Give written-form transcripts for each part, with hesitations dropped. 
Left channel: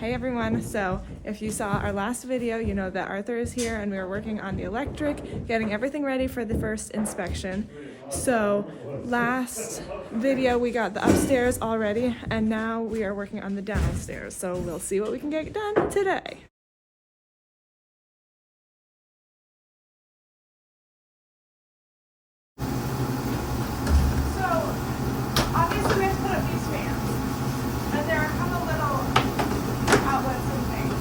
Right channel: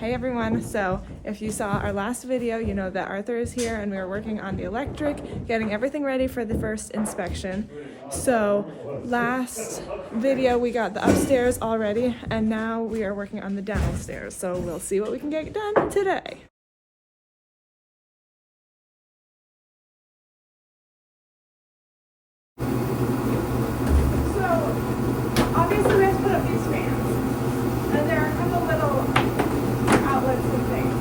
Hey everyone, so if you saw our last video, you know that Arthur is here and we are working on the electric, getting everything ready for the first inspection. So last video we got the upstairs already and now we are working on the downstairs. So we'll see what we can get done today. So obviously we have to put up these fans and there are a couple little outlets and things,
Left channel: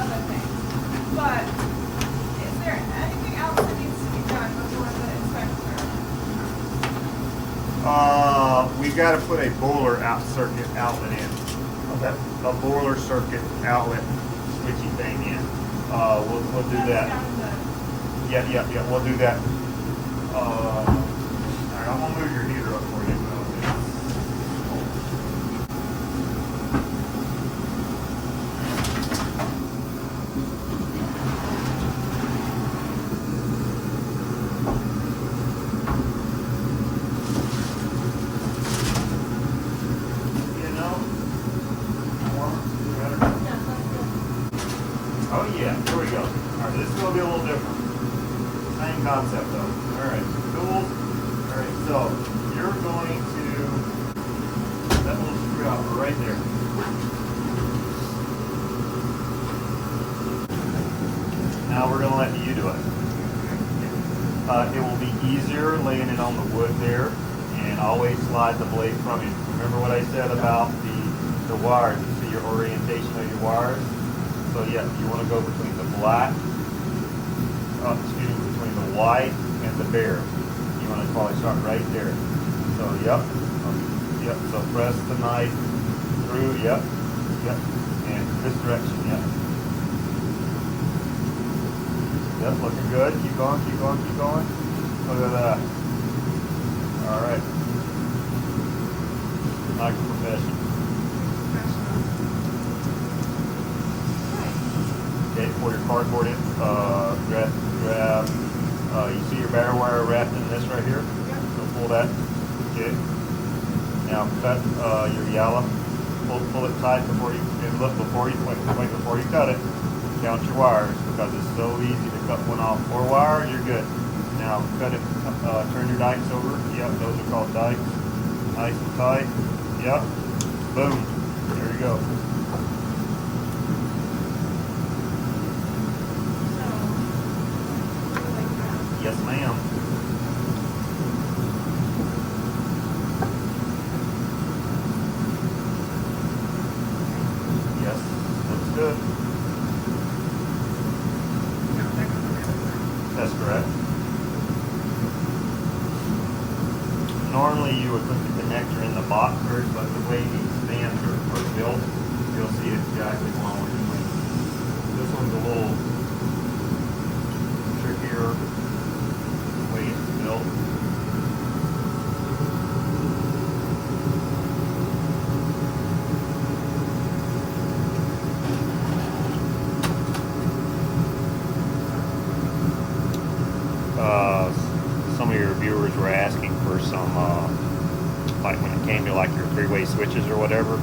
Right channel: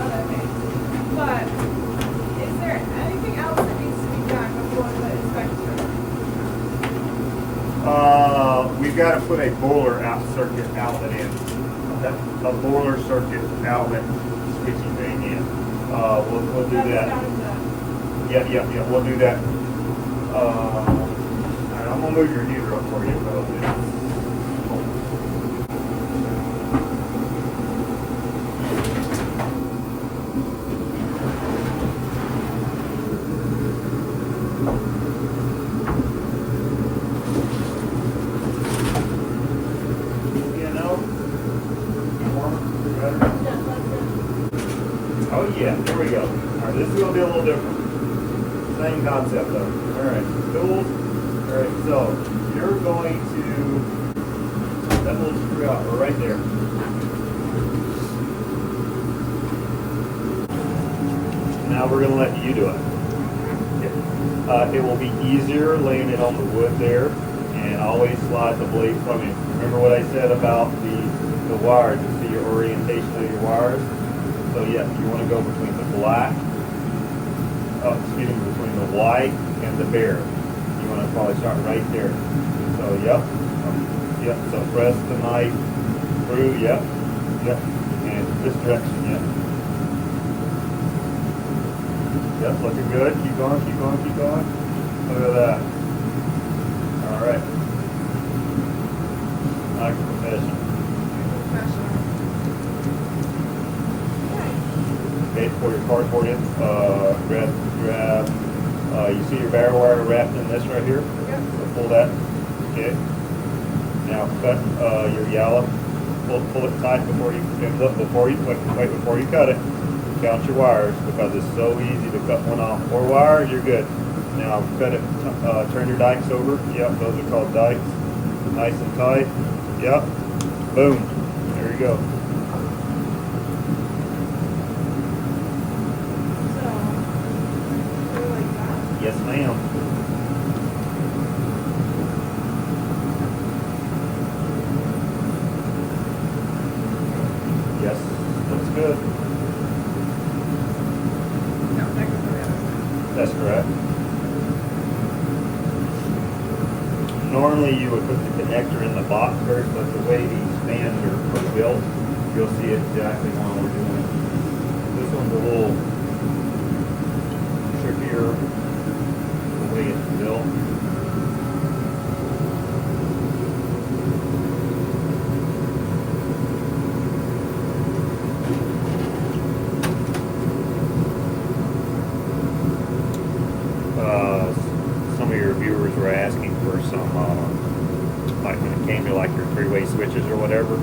other things. But is there anything else that needs to be done before the inspection? We've got to put a boiler circuit outlet in. A boiler circuit outlet switchy thing in. We'll do that. Yeah, we'll do that. I'm gonna move your heater up for you, fellas. Oh yeah, here we go. Alright, this is going to be a little different. Same concept though. Alright, tools. Alright, so you're going to put that little screw out right there. Now we're going to let you do it. It will be easier laying it on the wood there and always slide the blade from you. Remember what I said about the wires. You see your orientation of your wires? So yeah, you want to go between the black, between the white and the bare. You want to probably start right there. So yep, so press the knife through, yep, and this direction, yep. Yep, looking good, keep going. Look at that. All right. I like the profession. Okay, pour your cardboard in, grab, you see your bare wire wrapped in this right here? Yep. So pull that, okay. Now cut your yellow, pull it tight before you cut it. Count your wires because it's so easy to cut one off. 4 wires, you're good. Now cut it, turn your dikes over. Yep, those are called dikes. Nice and tight. Yep, boom, there you go. Yes, ma'am. Yes, looks good. No, that goes the other side. That's correct. Normally you would put the connector in the box first, but the way these fans are built, you'll see exactly what we're doing. This one's a little trickier. Way it's built. Some of your viewers were asking for some, like when it came to like your 3-way switches or whatever,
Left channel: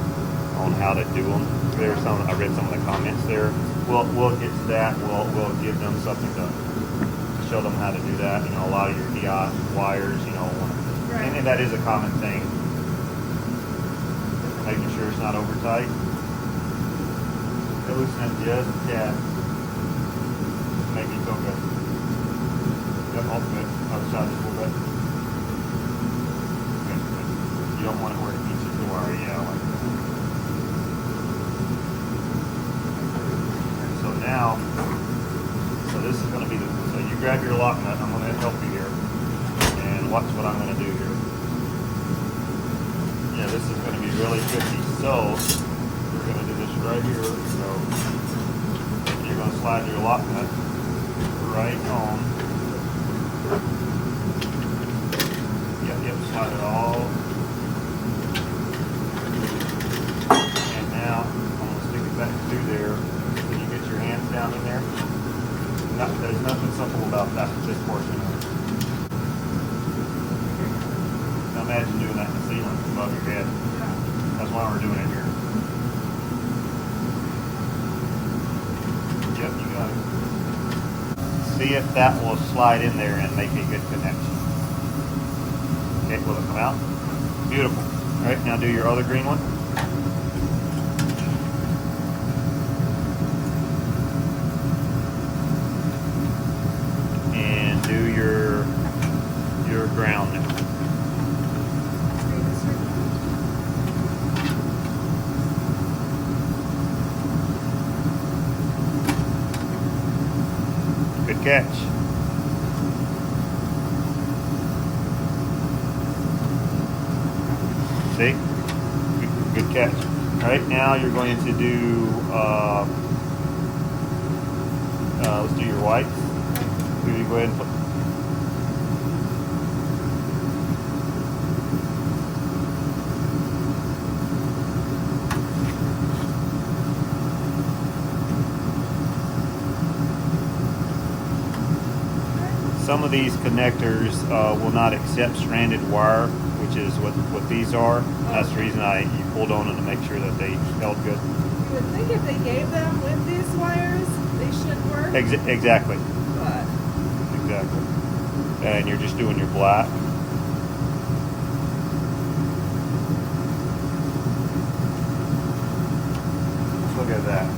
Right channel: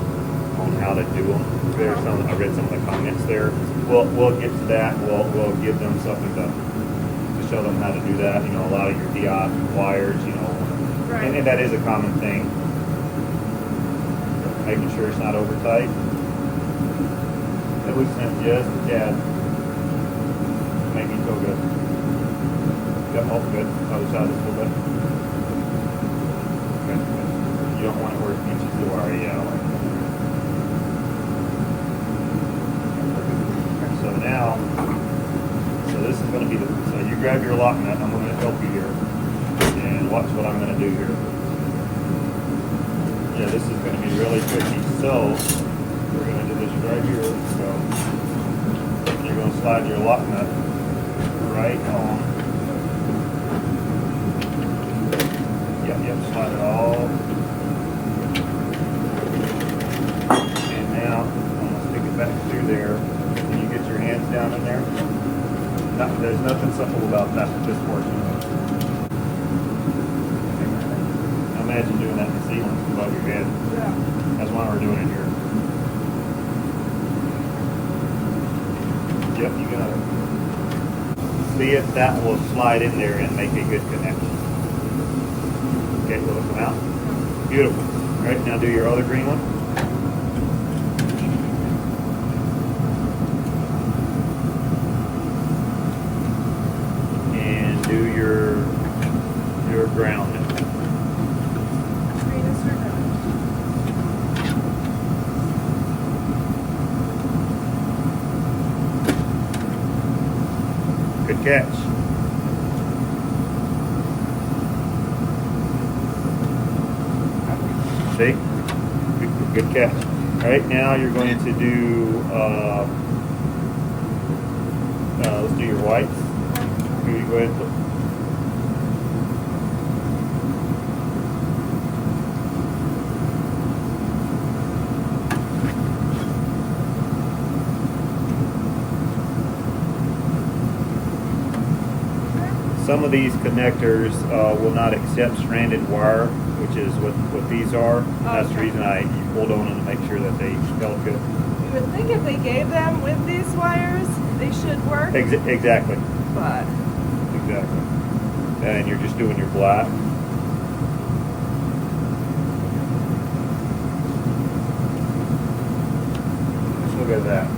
on how to do them. There's some. I read some of the comments there. We'll get to that. We'll give them something to show them how to do that. You know, a lot of your diodes wires, you know, right. and that is a common thing. Making sure it's not over tight. It loosens just a tad. Make me feel good. Yep, all good. Other side a little bit. Okay. You don't want it where it gets you to wire, yeah, like that. So now, this is going to be so you grab your lock nut. I'm going to help you here, and watch what I'm going to do here. Yeah, this is going to be really tricky. So we're going to do this right here. So you're going to slide your lock nut right on. Yep, slide it all. And now I'm going to stick it back through there. Can you get your hands down in there? There's nothing simple about that, this portion. Imagine doing that in the ceiling above your head. Yeah. That's why we're doing it here. see if that will slide in there and make a good connection. Okay, will it come out? Beautiful. All right, now do your other green one. And do your ground now. Good catch. See? Good catch. All right, now you're going to do, let's do your whites. Here you go ahead and put. Some of these connectors will not accept stranded wire, which is what these are. That's the reason I pulled on them to make sure that they felt good. You would think if they gave them with these wires, they should work. Exactly. But Exactly. And you're just doing your black. Look at that.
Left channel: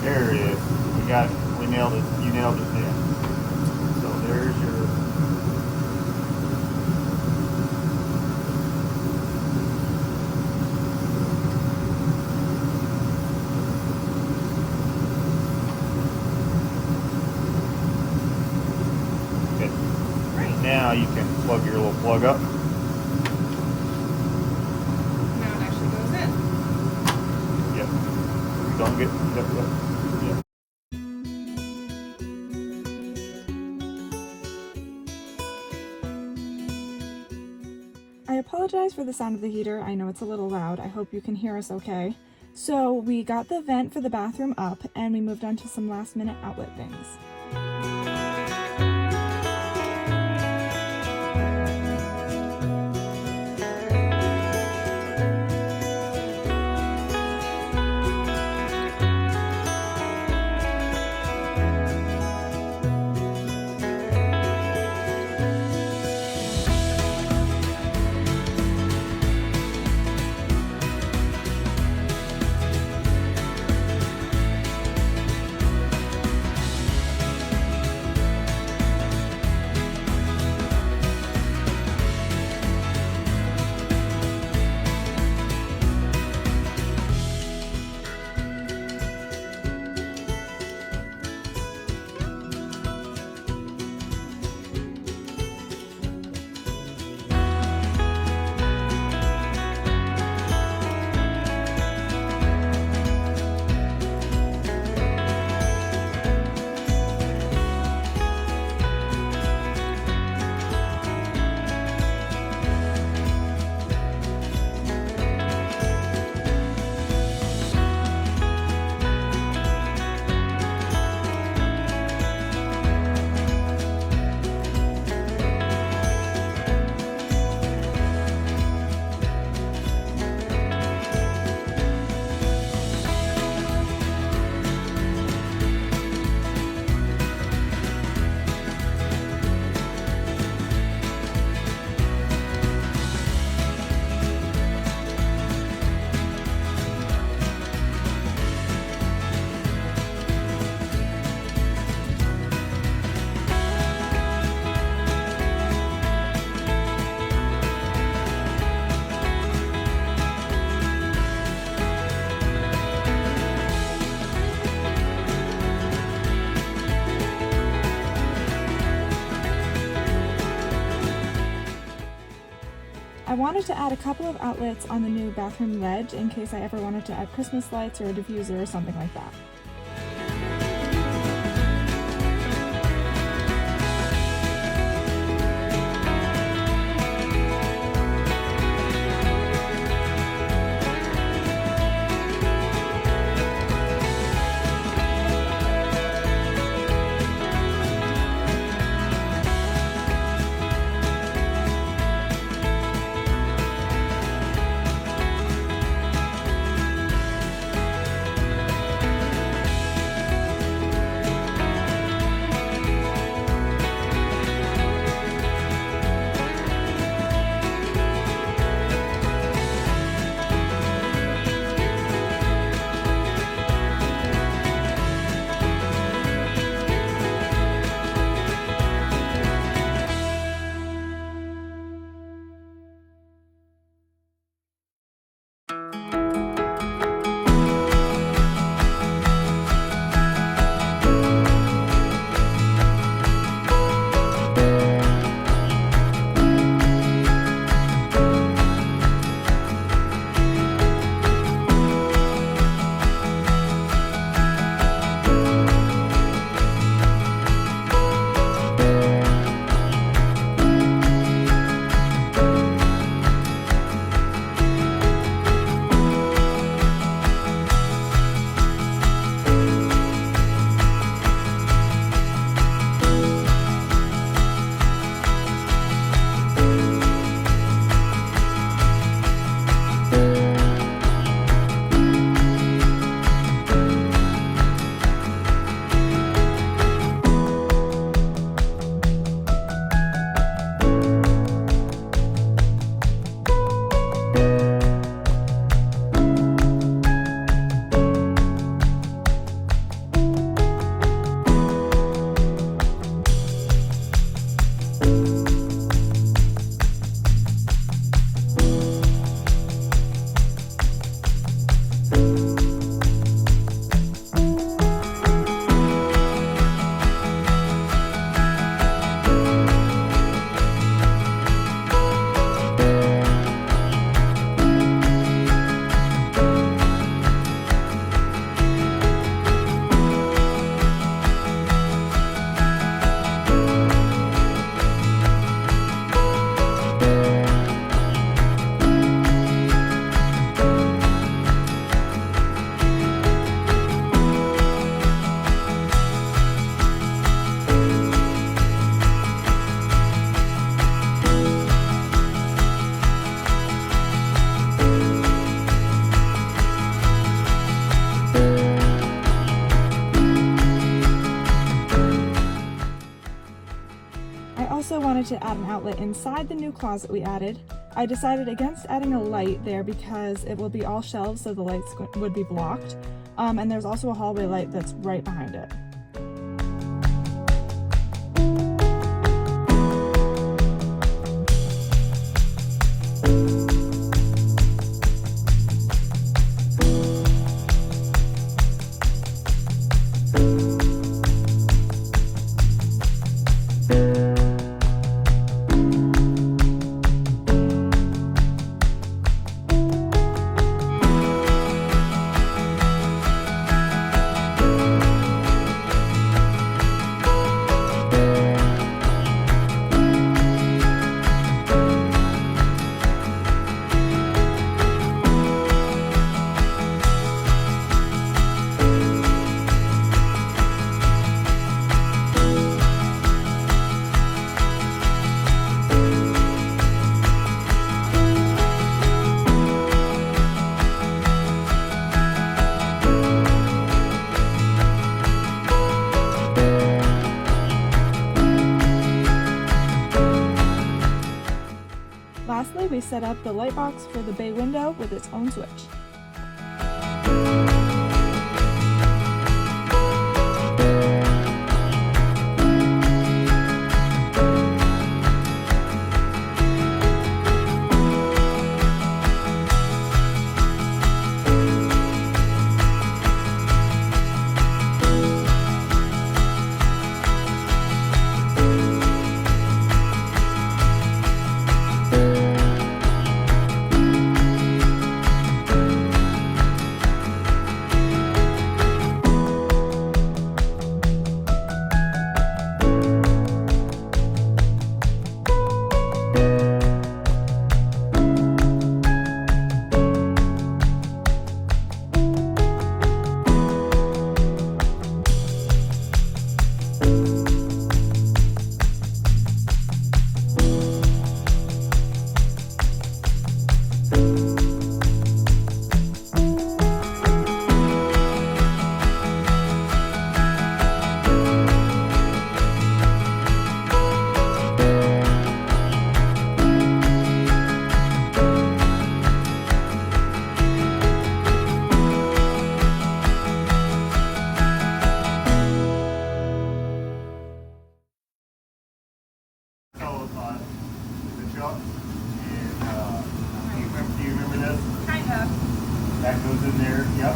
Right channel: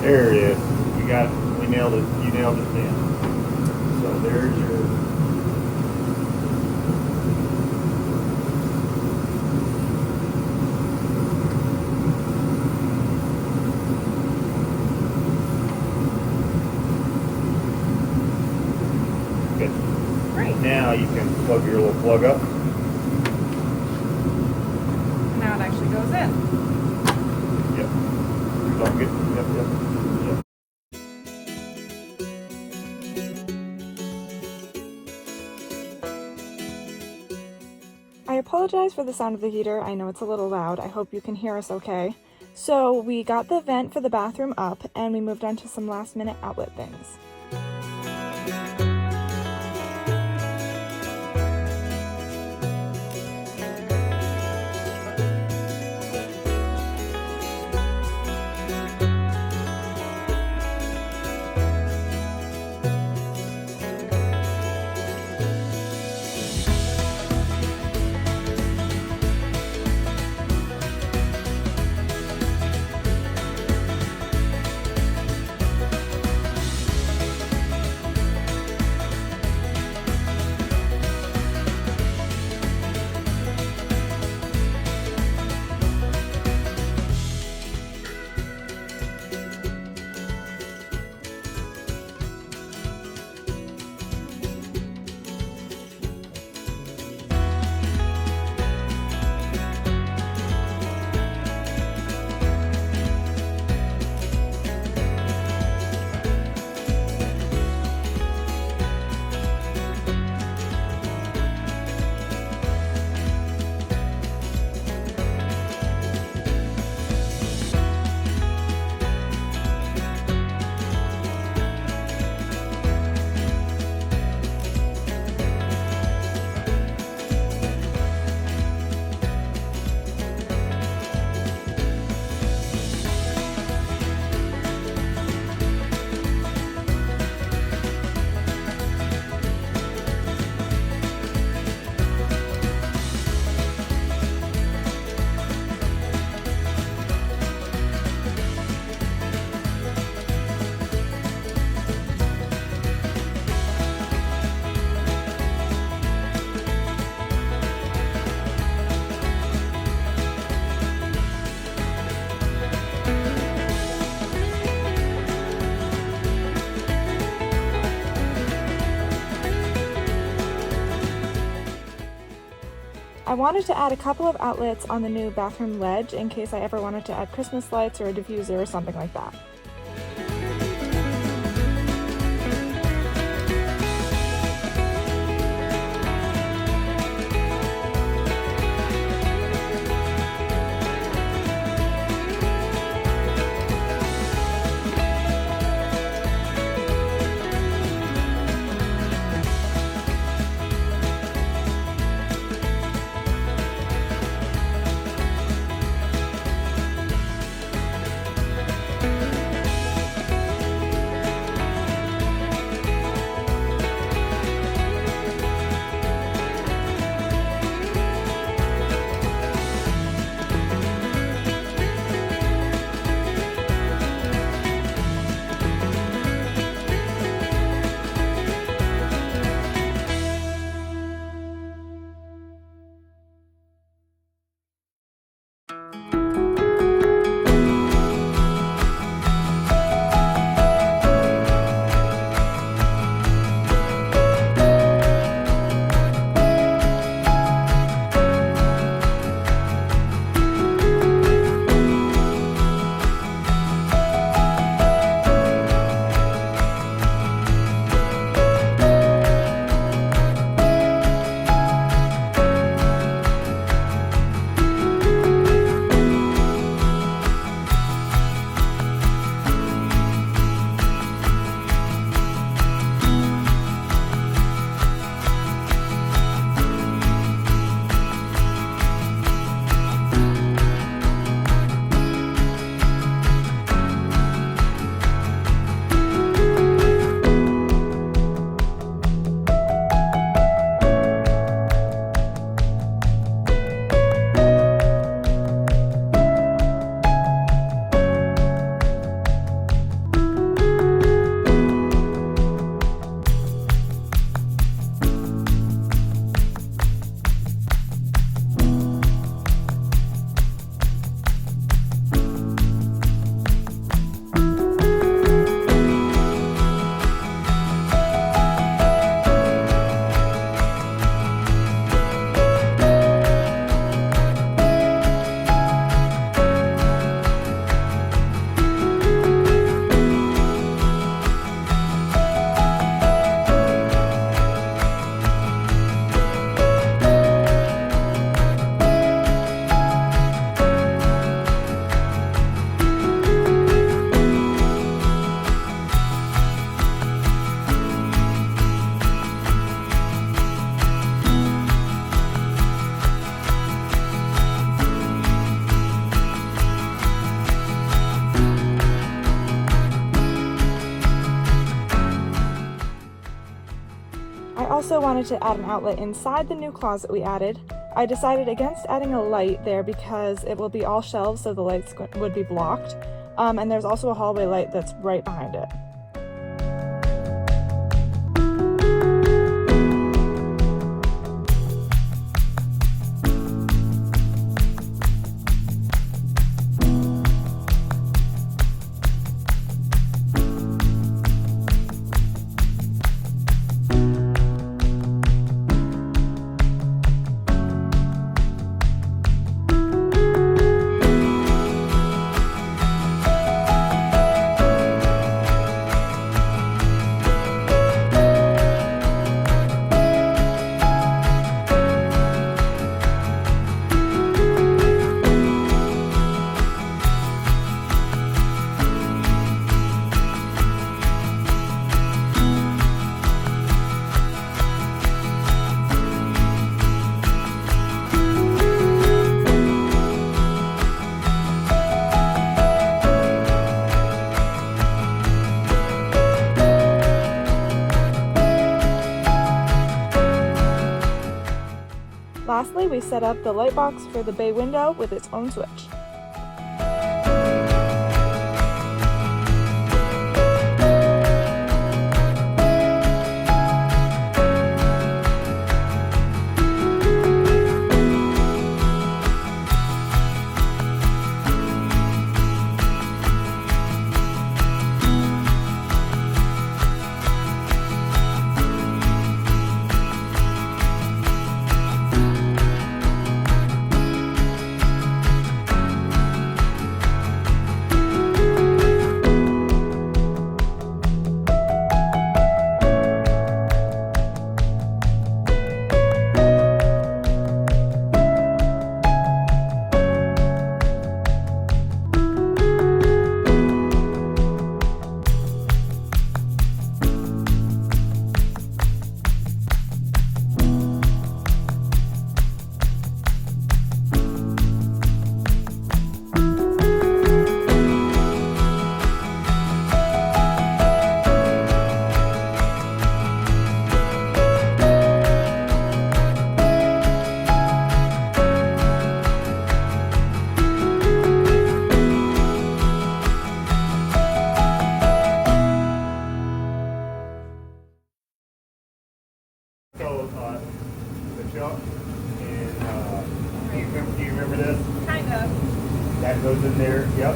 There it is. You got it. We nailed it. You nailed it then. So there's your. Okay. great. Now you can plug your little plug up. Now it actually goes in. Yep. Don't get. Yep. Yep. Yep. I apologize for the sound of the heater. I know it's a little loud. I hope you can hear us okay. So we got the vent for the bathroom up and we moved on to some last minute outlet things. I wanted to add a couple of outlets on the new bathroom ledge in case I ever wanted to add Christmas lights or a diffuser or something like that. also wanted to add an outlet inside the new closet we added. I decided against adding a light there because it will be all shelves, so the lights would be blocked. And there's also a hallway light that's right behind it. Lastly, we set up the light box for the bay window with its own switch. That goes in there, yep.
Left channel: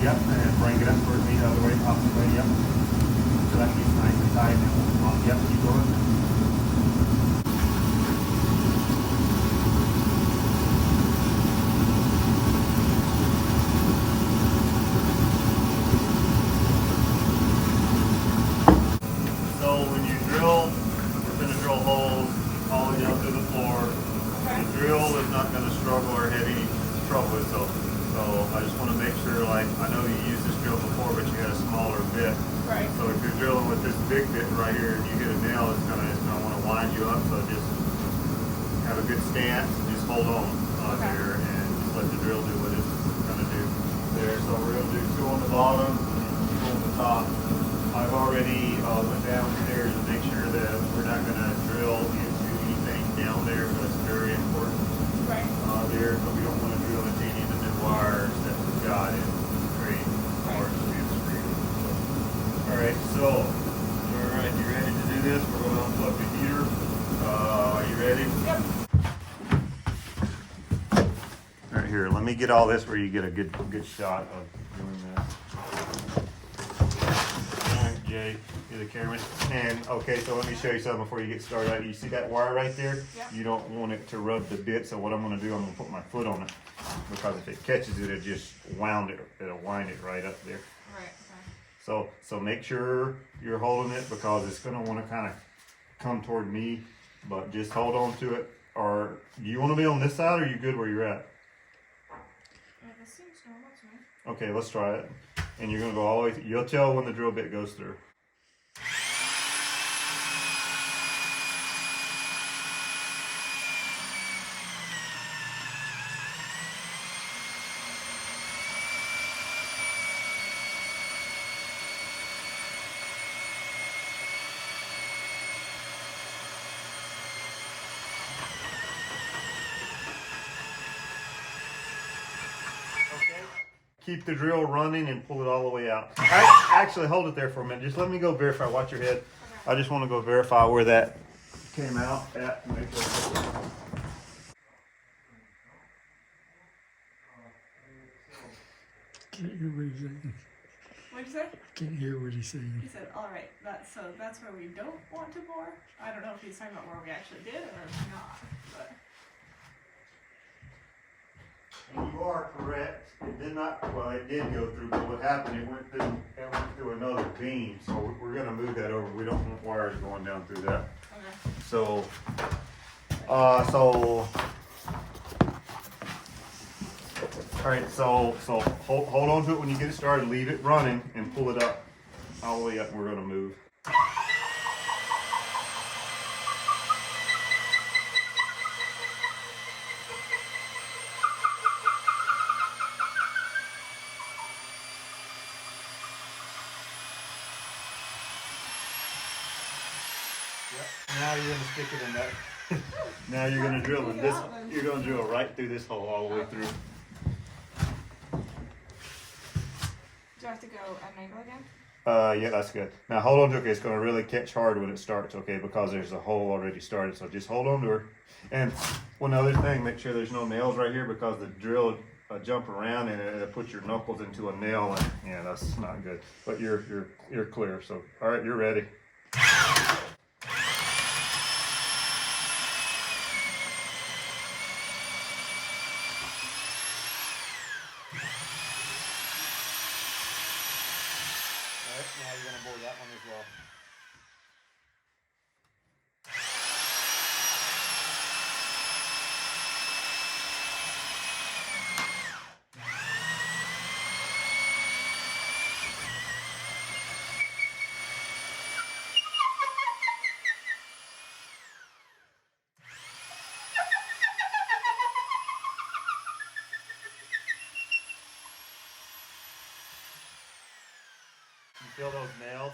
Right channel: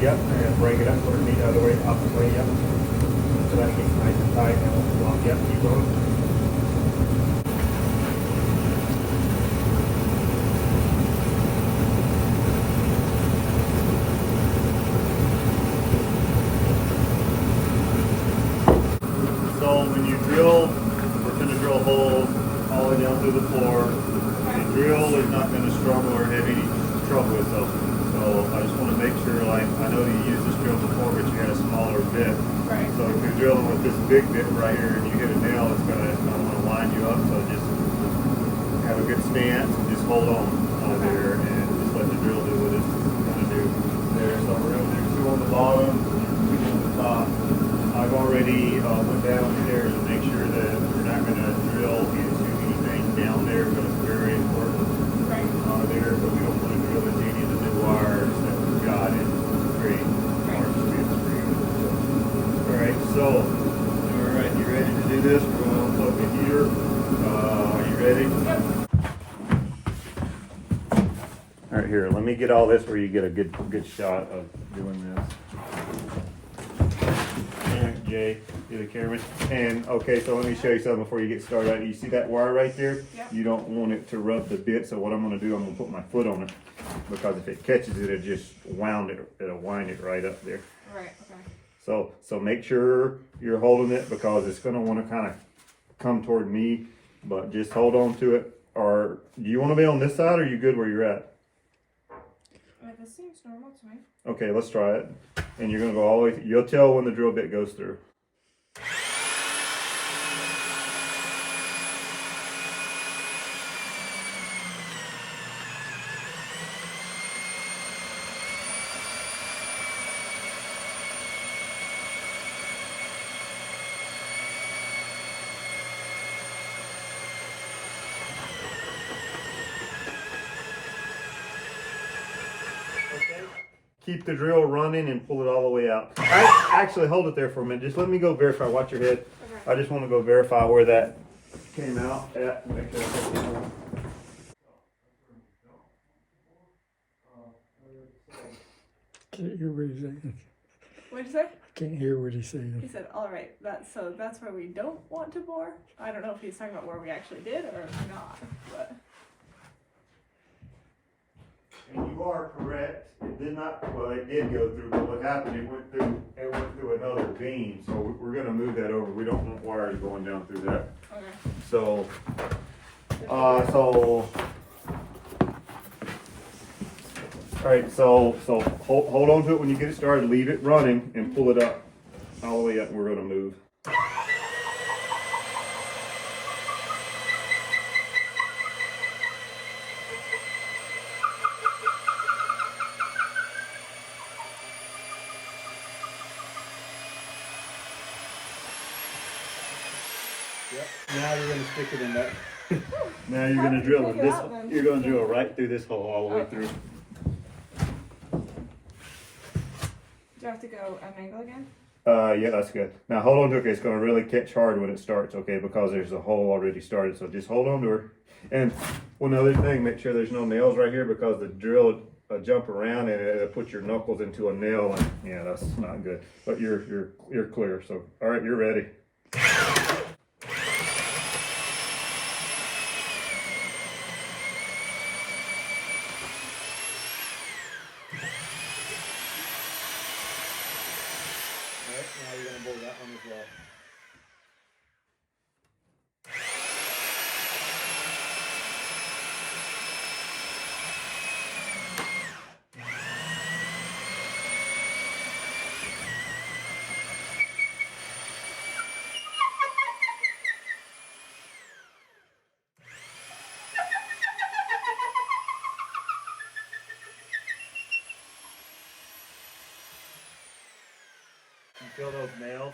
Yep, and then bring it up, put it the other way, opposite way, yep. So that gets nice and tight and it won't blow. Yep, keep going. So when you drill, we're going to drill holes all the way down to the floor. The drill is not going to struggle or have any trouble with those. So I just want to make sure, like, I know you used this drill before, but you had a smaller bit. Right. So if you're drilling with this big bit right here and you hit a nail, it's going to want to wind you up. So just have a good stance and just hold on there and just let the drill do what it's going to do there. So we're going to do 2 on the bottom, 2 on the top. I've already put that on there to make sure that we're not going to drill into anything down there, but it's very important on there. But we don't want to drill into any of the new wires that we've got in the tree. Alright, so, alright, you ready to do this? We're going to unplug the heater. Are you ready? Yep. Alright, here, let me get all this where you get a good shot of doing this. Jay, you're the cameraman. And okay, so let me show you something before you get started. You see that wire right there? Yep. You don't want it to rub the bit, so what I'm going to do, I'm going to put my foot on it, because if it catches it, it'll just wind it right up there. Right, okay. So make sure you're holding it, because it's going to want to kind of come toward me, but just hold on to it. Or do you want to be on this side, or are you good where you're at? This seems normal to me. Okay, let's try it. And you're going to go all the way through. You'll tell when the drill bit goes through. keep the drill running and pull it all the way out. Actually, hold it there for a minute. Just let me go verify. Watch your head. Okay. I just want to go verify where that came out at. Make sure I put this on. Can't hear what he's saying. What'd you say? Can't hear what he's saying. He said, all right, that's where we don't want to bore. I don't know if he's talking about where we actually did or not, but. And you are correct. It did not, well, it did go through, but what happened, it went through another beam. So we're gonna move that over. We don't want wires going down through that. Okay. So, all right, so hold on to it when you get it started, leave it running and pull it up all the way up and we're gonna move. Yep. Now you're gonna stick it in that. Now you're gonna drill in this. You're gonna drill right through this hole all the way through. Do I have to go at an angle again? Yeah, that's good. Now hold on to it. It's gonna really catch hard when it starts, okay? Because there's a hole already started. So just hold on to her. And one other thing, make sure there's no nails right here because the drill jump around and it'll put your knuckles into a nail. And yeah, that's not good. But you're clear. So all right, you're ready. Now you're gonna blow that one as well. You feel those nails?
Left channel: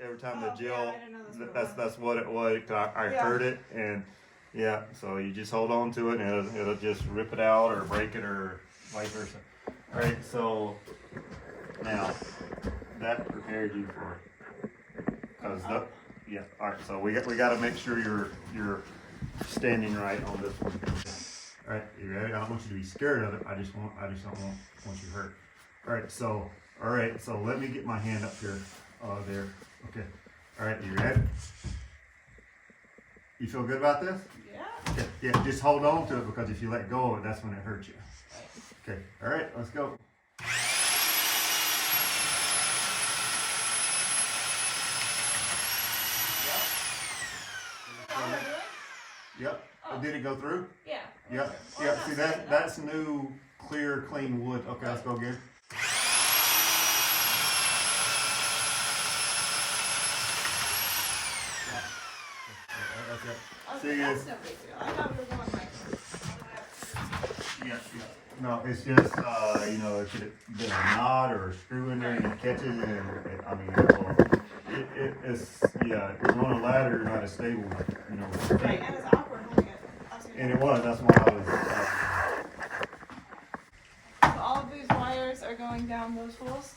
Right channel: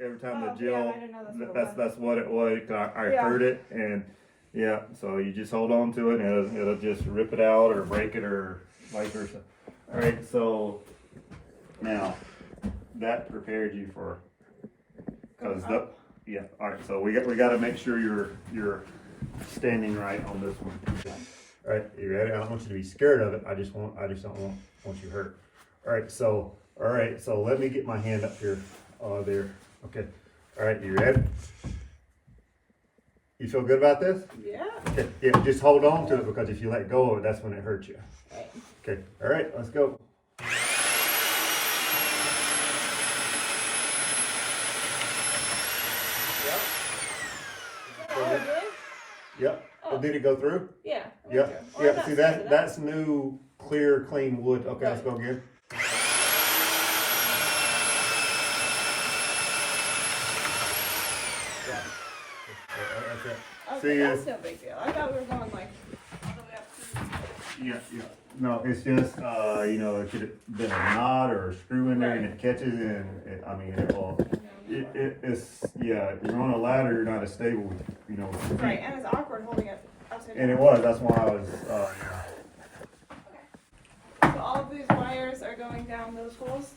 Every time the Oh, drill, yeah, I didn't know that's what it was. that's what it was. I Yeah. heard it, and yeah. So you just hold on to it, and it'll just rip it out or break it or vice versa. All right. So now that prepared you for because yeah. All right. So we got to make sure you're standing right on this one. All right. You ready? I don't want you to be scared of it. I just don't want you hurt. All right. So let me get my hand up here. There. Okay. All right. You ready? You feel good about this? Yeah. Okay. Yeah. Just hold on to it because if you let go of it, that's when it hurts you. Okay. All right. Let's go. Oh, really? Yep. Oh. Did it go through? Yeah. Yep. Well, Yep. not See started that's new, clear, clean wood. Okay. Let's go again. Okay, that's no big deal. I thought we were going like. Yeah. No, it's just you know, it should have been a knot or a screw in there and it catches and I mean, well, it's yeah. You're on a ladder, you're not as stable, you know. With your feet. Right, and it's awkward holding it upside down. And it was. That's why I was. So all of these wires are going down those holes?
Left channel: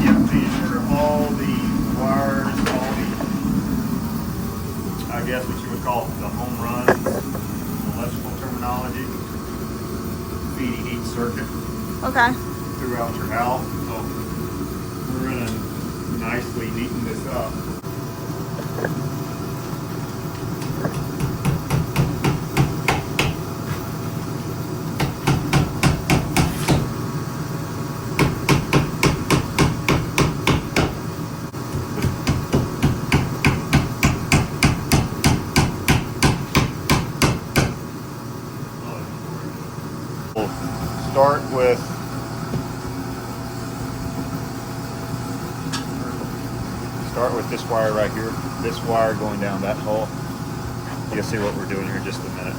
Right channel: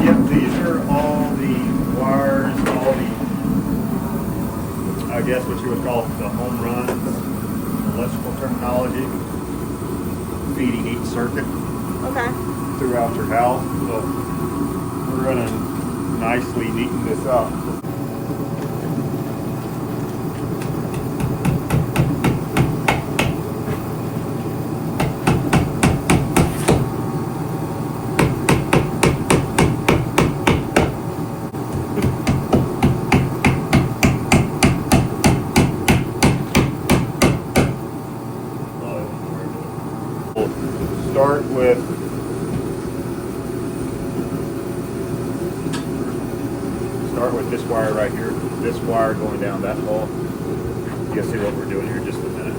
Yep, these are all the wires, all the, I guess what you would call the home runs, electrical terminology, feeding each circuit Okay. throughout your house. So we're gonna nicely neaten this up. Start with this wire right here. This wire going down that hole. You'll see what we're doing here in just a minute.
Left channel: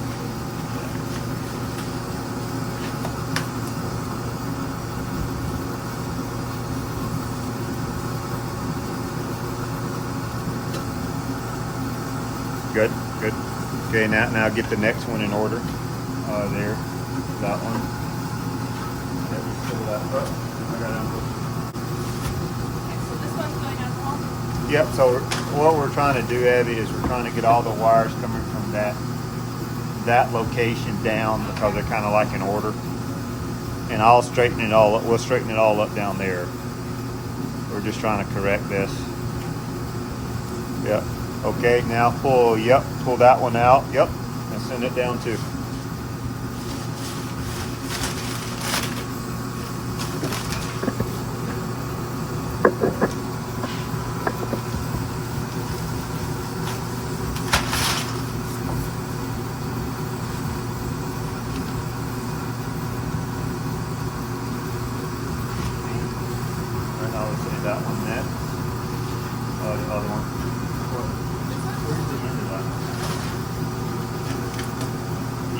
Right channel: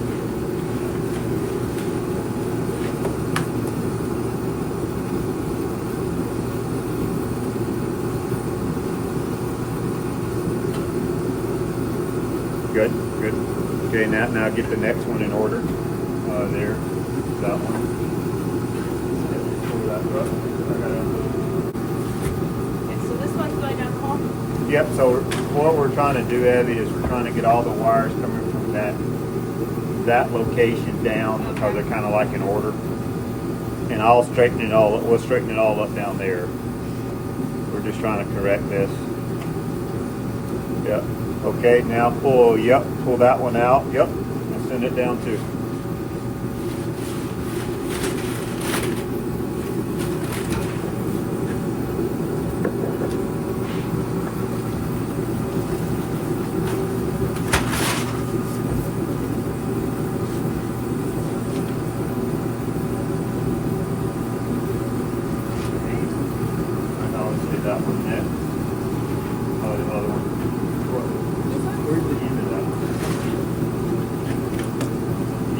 Good, good. Okay, now get the next one in order. There, that one. Yep, so what we're trying to do, Abby, is we're trying to get all the wires coming from that location down, because they're kind of like in order. And I'll straighten it all up. We'll straighten it all up down there. We're just trying to correct this. Yep. Okay, now pull that one out. Yep. And send it down too.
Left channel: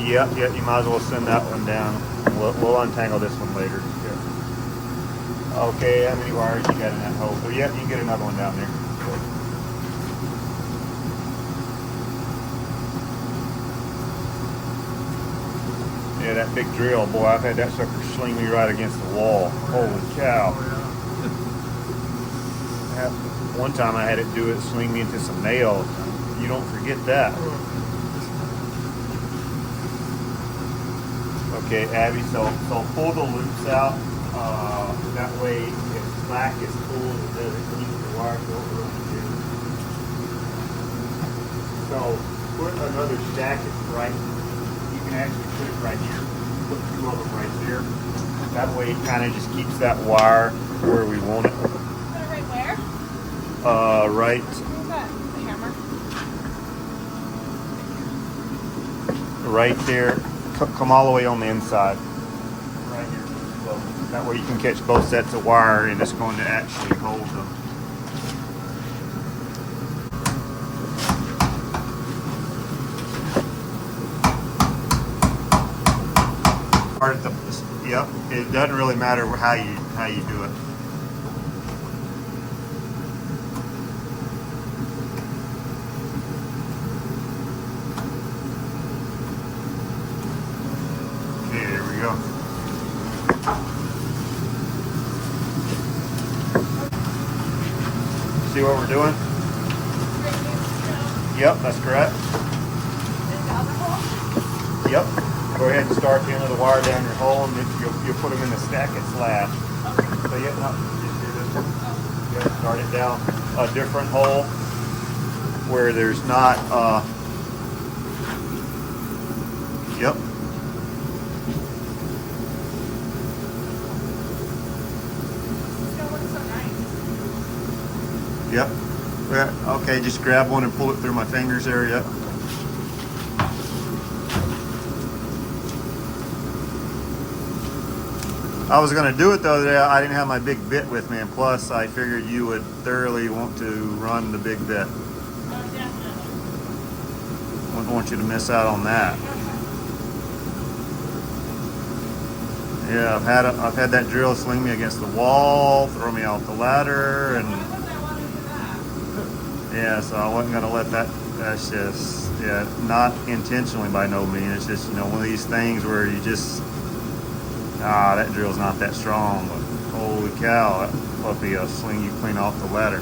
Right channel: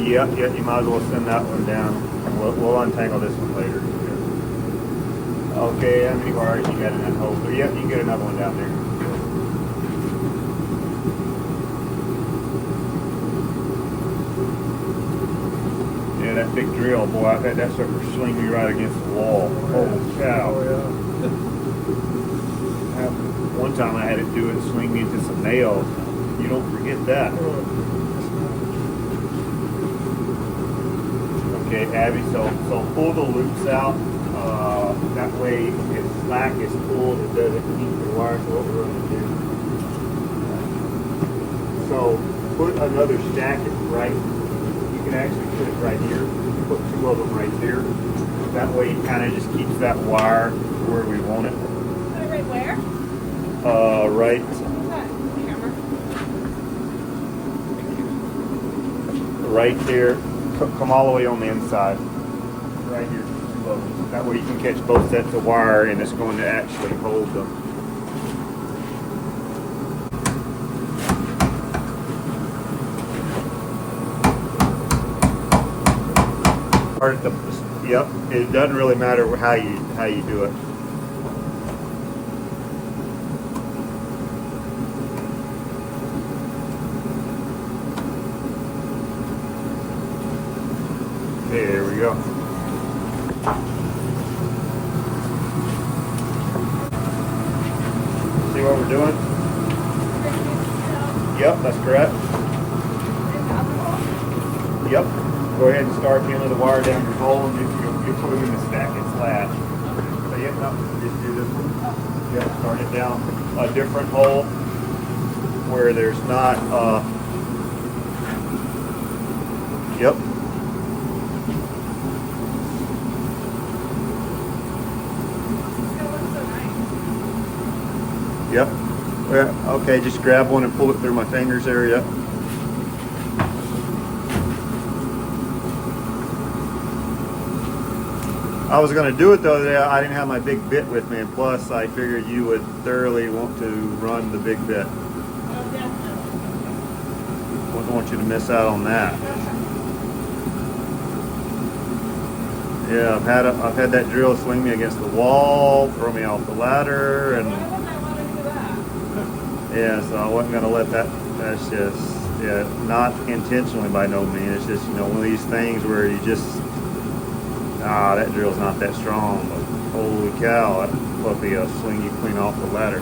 Yep, you might as well send that one down. We'll untangle this one later. Okay, how many wires you got in that hole? So, yep, you can get another one down there. Yeah, that big drill, boy, I've had that sucker sling me right against the wall. Holy cow. One time I had it do it, swing me into some nails. You don't forget that. Okay, Abby, so pull the loops out. That way, if slack is pulled, it doesn't keep the wire for what we're going to do. So put another stack right. You can actually put it right here. Put two of them right there. That way, it kind of just keeps that wire where we want it. Right where? Right. Right there. Come all the way on the inside. Right here. Two of them. That way you can catch both sets of wire, and it's going to actually hold them. Yep. It doesn't really matter how you do it. Okay, there we go. See what we're doing? Yep, that's correct. Yep. Go ahead and start into the wire down your hole, and you'll put them in the stack and slash. So yeah, just do this one. Yep, start it down a different hole where there's not. Yep. Yep. Well, okay, just grab one and pull it through my fingers there. Yep. I was going to do it the other day. I didn't have my big bit with me, and plus I figured you would thoroughly want to run the big bit. Oh, definitely. Wouldn't want you to miss out on that. Yeah, I've had that drill sling me against the wall, throw me off the ladder, and Why wouldn't I want to do that? yeah, so I wasn't going to let that. That's just not intentionally by no means. It's just one of these things where you just. That drill's not that strong, but holy cow, that puppy will sling you clean off the ladder.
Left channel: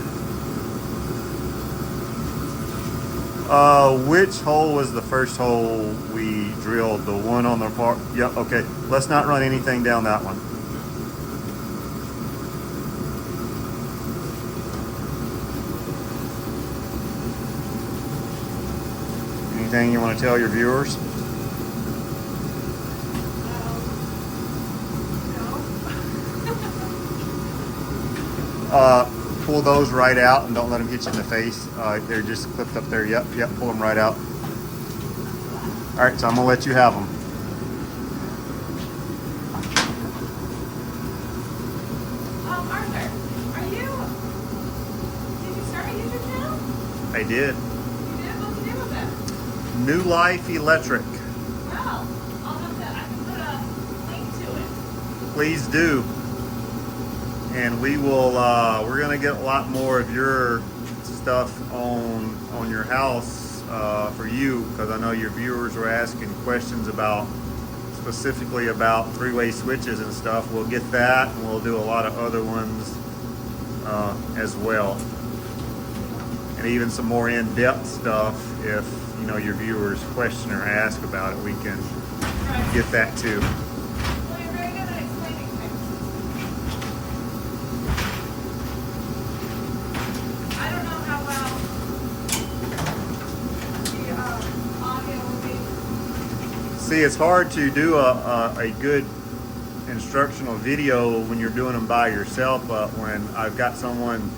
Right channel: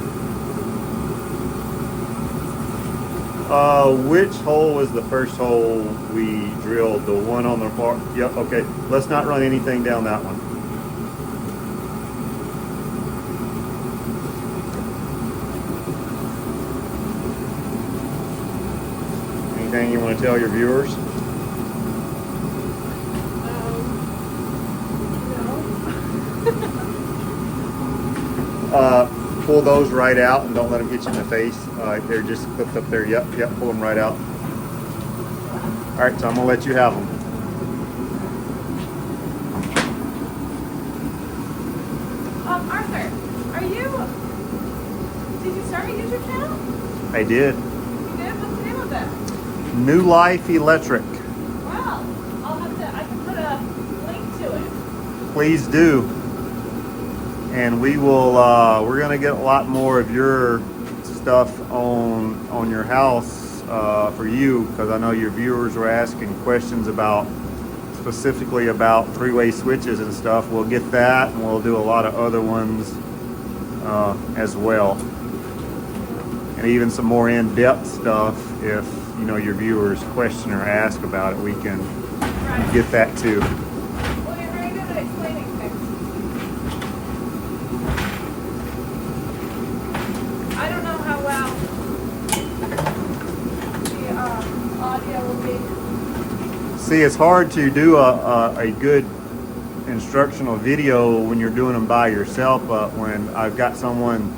Which hole was the first hole we drilled? The one on the far? Yep, okay. Let's not run anything down that one. Anything you want to tell your viewers? Pull those right out and don't let them hit you in the face. They're just clipped up there. Yep, pull them right out. All right, so I'm gonna let you have them. Arthur, did you start a YouTube channel? I did. You did? What's the name of it? New Life Electric. Wow. I can put a link to it. Please do. And we will. We're gonna get a lot more of your stuff on your house for you, because I know your viewers were asking questions specifically about three-way switches and stuff. We'll get that, and we'll do a lot of other ones as well. even some more in-depth stuff. If you know your viewers question or ask about it, we can get that too. Well, you're very good at explaining things. I don't know how well the audio will be. See, it's hard to do a good instructional video when you're doing them by yourself, but when I've got someone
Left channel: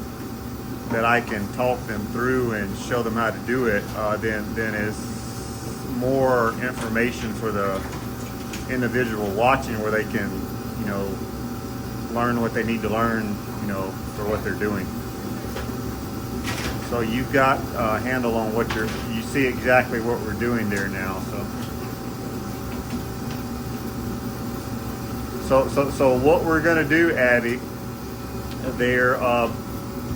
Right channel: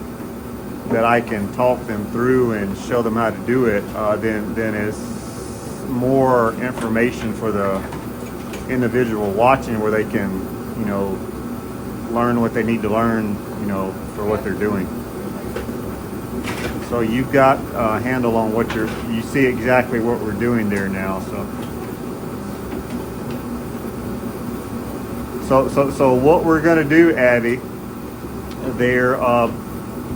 that I can talk them through and show them how to do it, then it's more information for the individual watching, where they can, you know, learn what they need to learn, you know, for what they're doing. So you've got a handle on what you see exactly what we're doing there now. So what we're gonna do, Abby, there,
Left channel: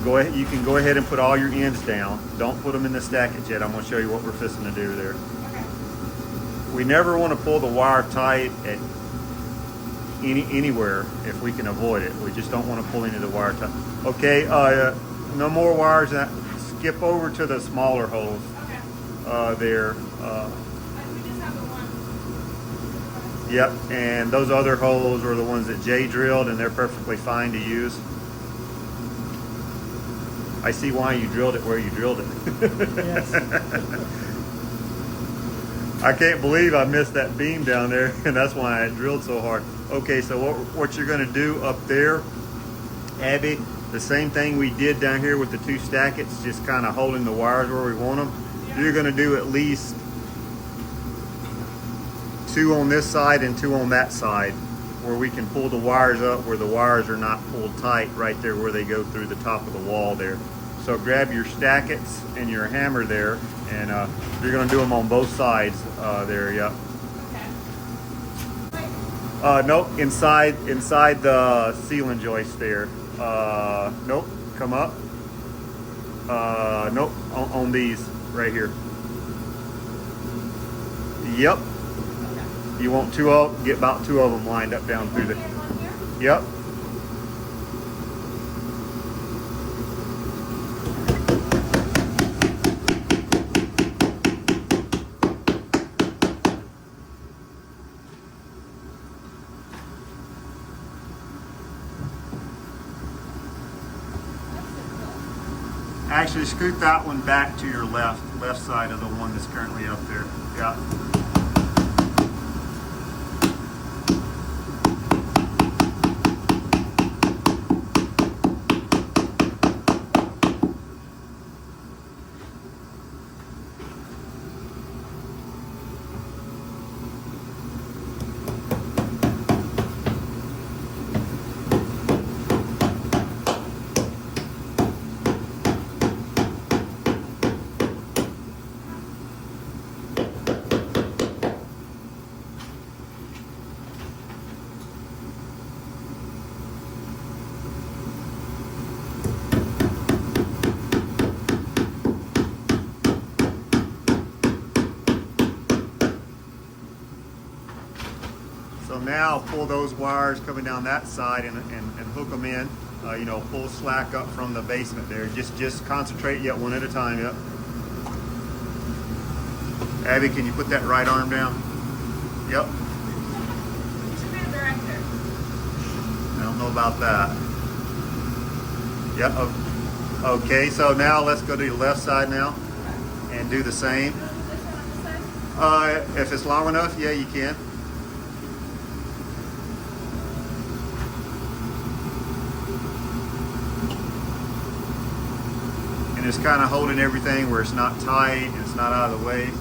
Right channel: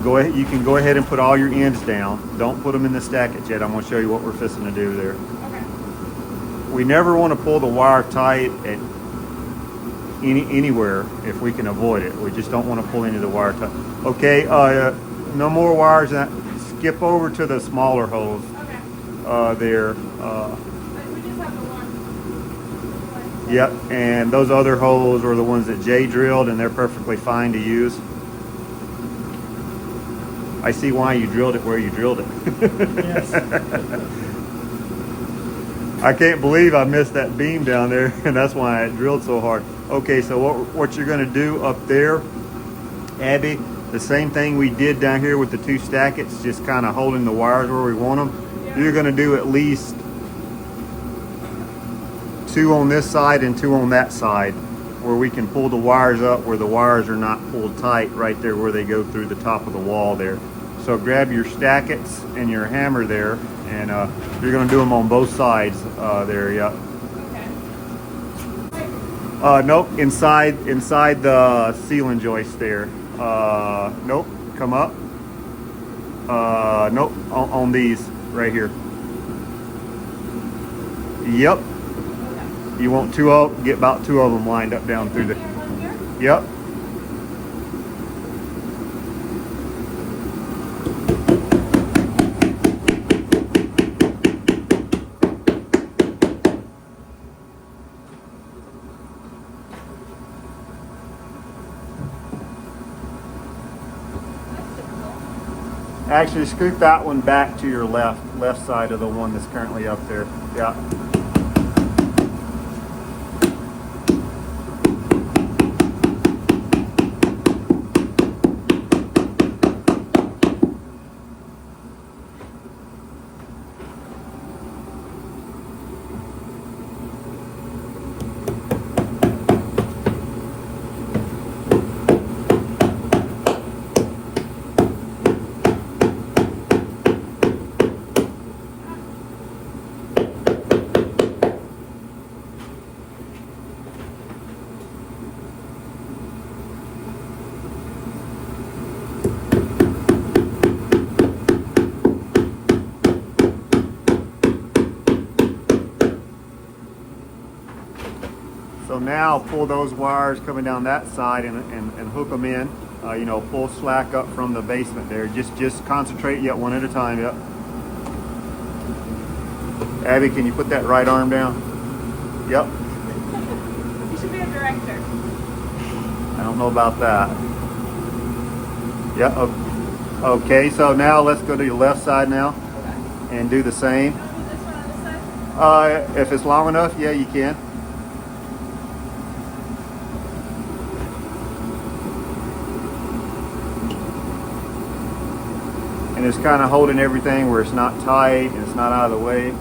go ahead. You can go ahead and put all your ends down. Don't put them in the stackage yet. I'm gonna show you what we're fixing to do there. Okay. We never want to pull the wire tight at anywhere if we can avoid it. We just don't want to pull any of the wire tight. Okay. No more wires. Skip over to the smaller holes. Okay. There. We just have the one. Yep. And those other holes are the ones that Jay drilled, and they're perfectly fine to use. I see why you drilled it where you drilled it. Yes. I can't believe I missed that beam down there, and that's why I drilled so hard. Okay, so what you're going to do up there, Abby, the same thing we did down here with the two stackets, just kind of holding the wires where we want them. Yeah. You're going to do at least 2 on this side and 2 on that side, where we can pull the wires up where the wires are not pulled tight right there where they go through the top of the wall there. So grab your stackets and your hammer there, and you're going to do them on both sides there. Yeah. Okay. Nope. Inside the ceiling joist there. Nope. Come up. Nope. On these right here. Yep. Okay. You want get about 2 of them lined up down through the. One here? Yep. Actually, scoot that one back to your left side of the one that's currently up there. Yeah. So now pull those wires coming down that side and hook them in. You know, pull slack up from the basement there. Just concentrate, yet one at a time. Yep. Abby, can you put that right arm down? Yep. You should be a director. I don't know about that. Yep. Okay, so now let's go to your left side now Okay. and do the same. I'll do this one on this side. If it's long enough, yeah, you can. And it's kind of holding everything where it's not tight and it's not out of the way.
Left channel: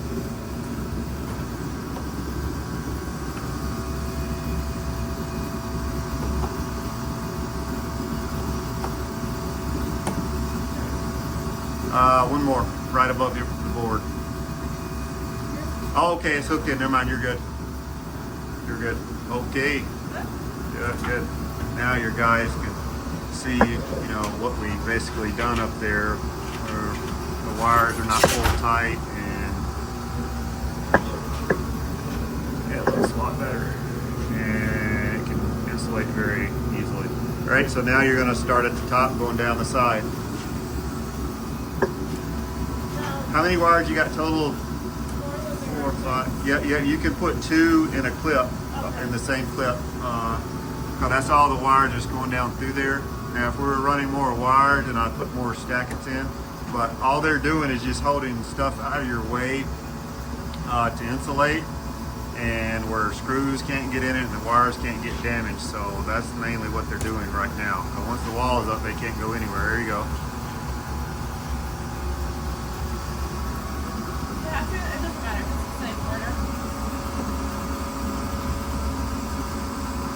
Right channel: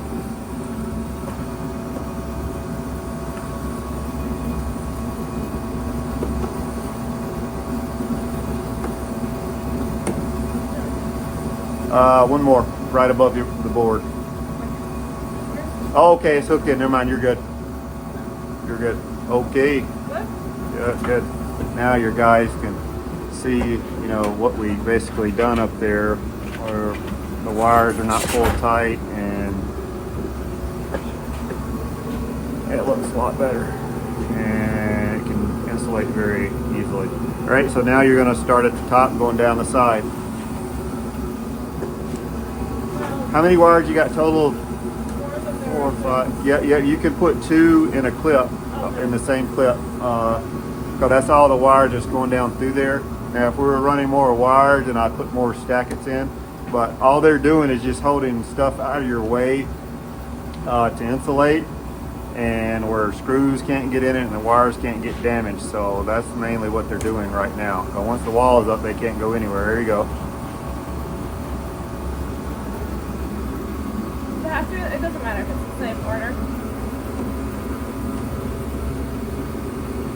One more, right above the board. Oh, okay, it's hooked in. Never mind, you're good. You're good. Okay. Good? Yeah, that's good. Now your guys can see, you know, what we basically done up there, where the wires are not pulled tight, and it looks a lot better. And it can insulate very easily. All right, so now you're going to start at the top, going down the side. How many wires you got total? 4 or 5. Yeah, you can put 2 in a clip, in the same clip. So that's all the wires just going down through there. Now, if we were running more wires, then I'd put more stackets in. But all they're doing is just holding stuff out of your way to insulate, and where screws can't get in it and the wires can't get damaged. So that's mainly what they're doing right now. So once the wall is up, they can't go anywhere. There you go. It doesn't matter if it's the same order.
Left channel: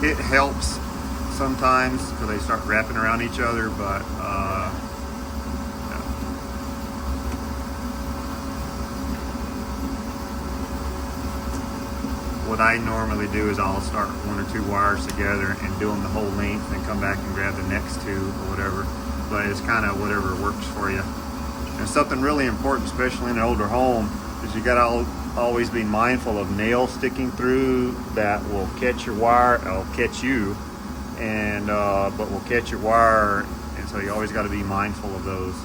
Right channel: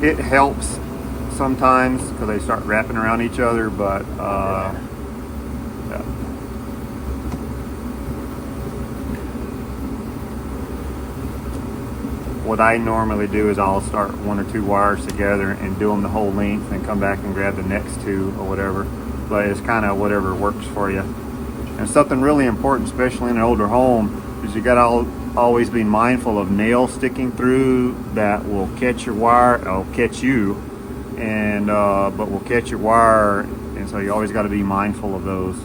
It helps sometimes because they start wrapping around each other, but yeah. What I normally do is I'll start 1 or 2 wires together and do them the whole length and come back and grab the next 2 or whatever. But it's kind of whatever works for you. And something really important, especially in an older home, is you gotta always be mindful of nails sticking through that will catch your wire, it'll catch you, and but will catch your wire, and so you always got to be mindful of those,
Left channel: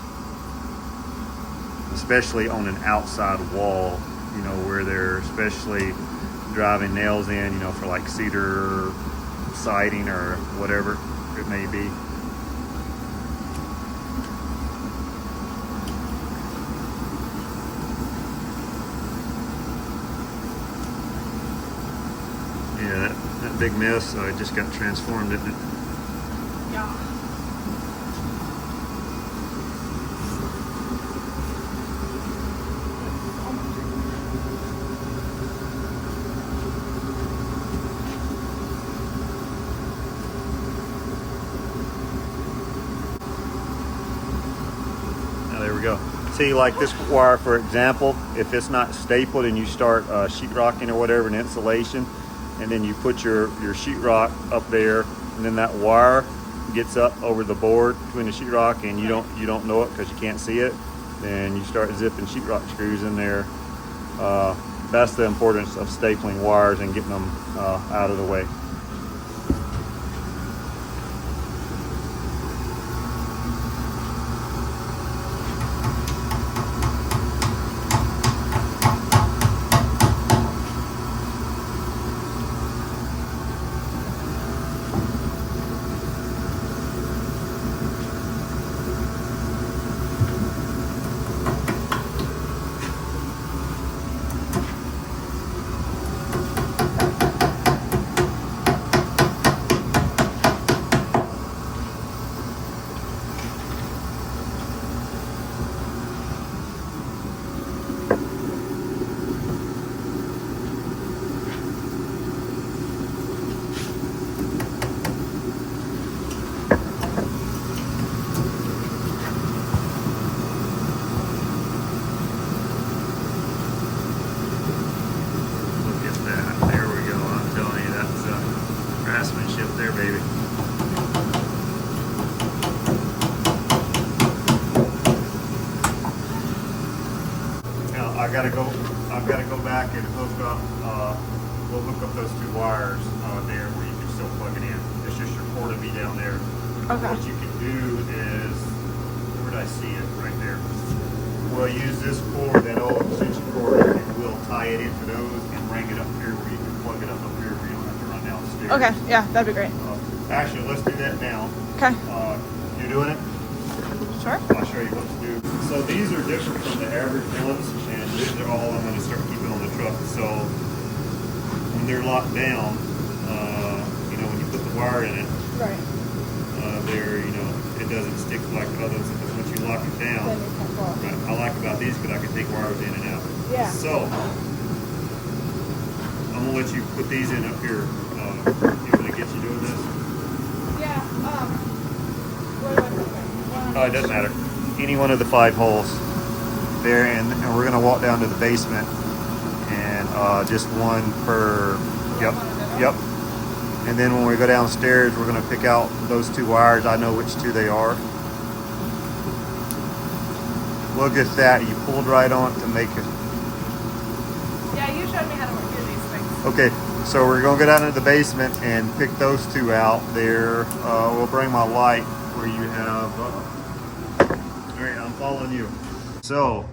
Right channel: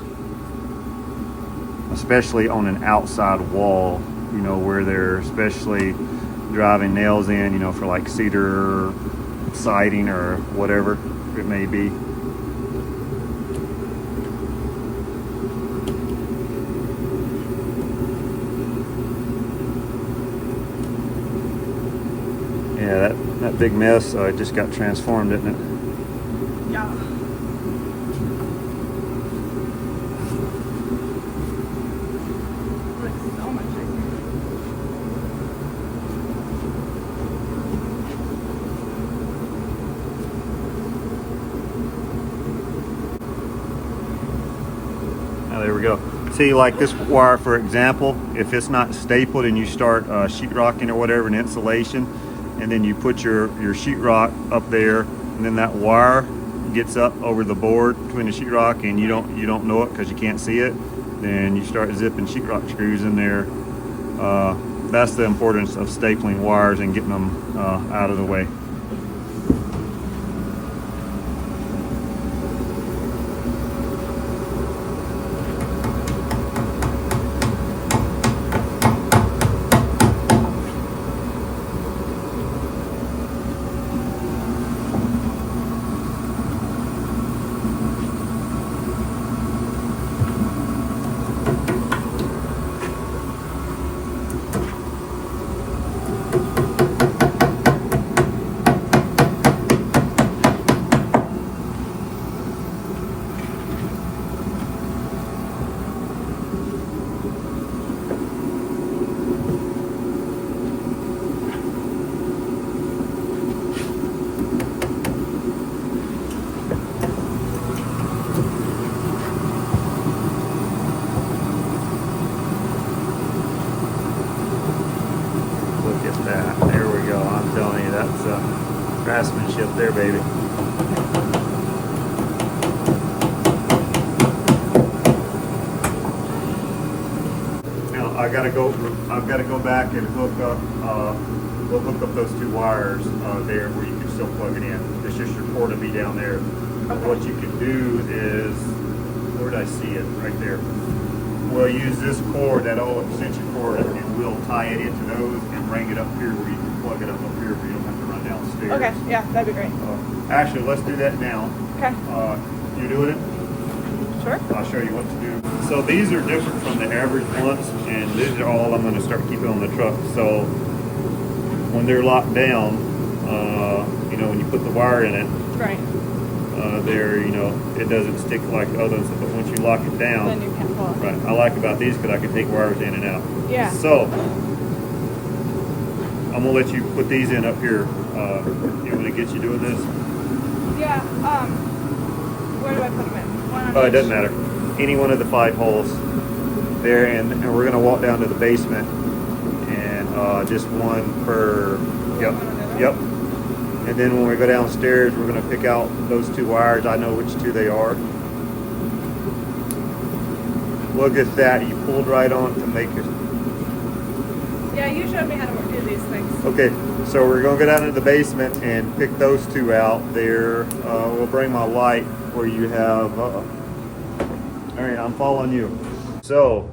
especially on an outside wall, you know, where they're especially driving nails in, you know, for like cedar siding or whatever it may be. Yeah, that big mess just got transformed, didn't it? Yeah. There we go. See, like this wire, for example, if it's not stapled and you start sheetrocking or whatever in insulation, and then you put your sheetrock up there, and then that wire gets up over the board between the sheetrock, and you don't know it because you can't see it, then you start zipping sheetrock screws in there. That's the importance of stapling wires and getting them out of the way. There we go. I'm telling you, that's craftsmanship there, baby. Now I've got to go back and hook up. We'll hook up those 2 wires there where you can still plug it in. It's just your cord to be down there. Okay. What you can do is, where did I see it? Right there. We'll use this cord, that old extension cord, and we'll tie it into those and bring it up here where you can plug it up here where you don't have to run downstairs. Okay, yeah, that'd be great. Actually, let's do that now. Okay. You doing it? Sure. I'll show you what to do. So these are different from the average ones, and these are all I'm going to start keeping on the truck. So when they're locked down, you know, when you put the wire in it, Right. you know, it doesn't stick like the other ones. But once you lock it down, right, I like about these because I can take wires in and out. Yeah. So I'm gonna let you put these in up here. You want to get you doing this? Yeah. Where do I put them in? Oh, it doesn't matter. Any one of the 5 holes there, and we're gonna walk down to the basement, and just one per. Yep. And then when we go downstairs, we're gonna pick out those 2 wires. I know which 2 they are. Look at that. You pulled right on it to make it. Yeah, you showed me how to do these things. Okay, so we're gonna go down to the basement and pick those 2 out there. We'll bring my light where you have. All right, I'm following you. So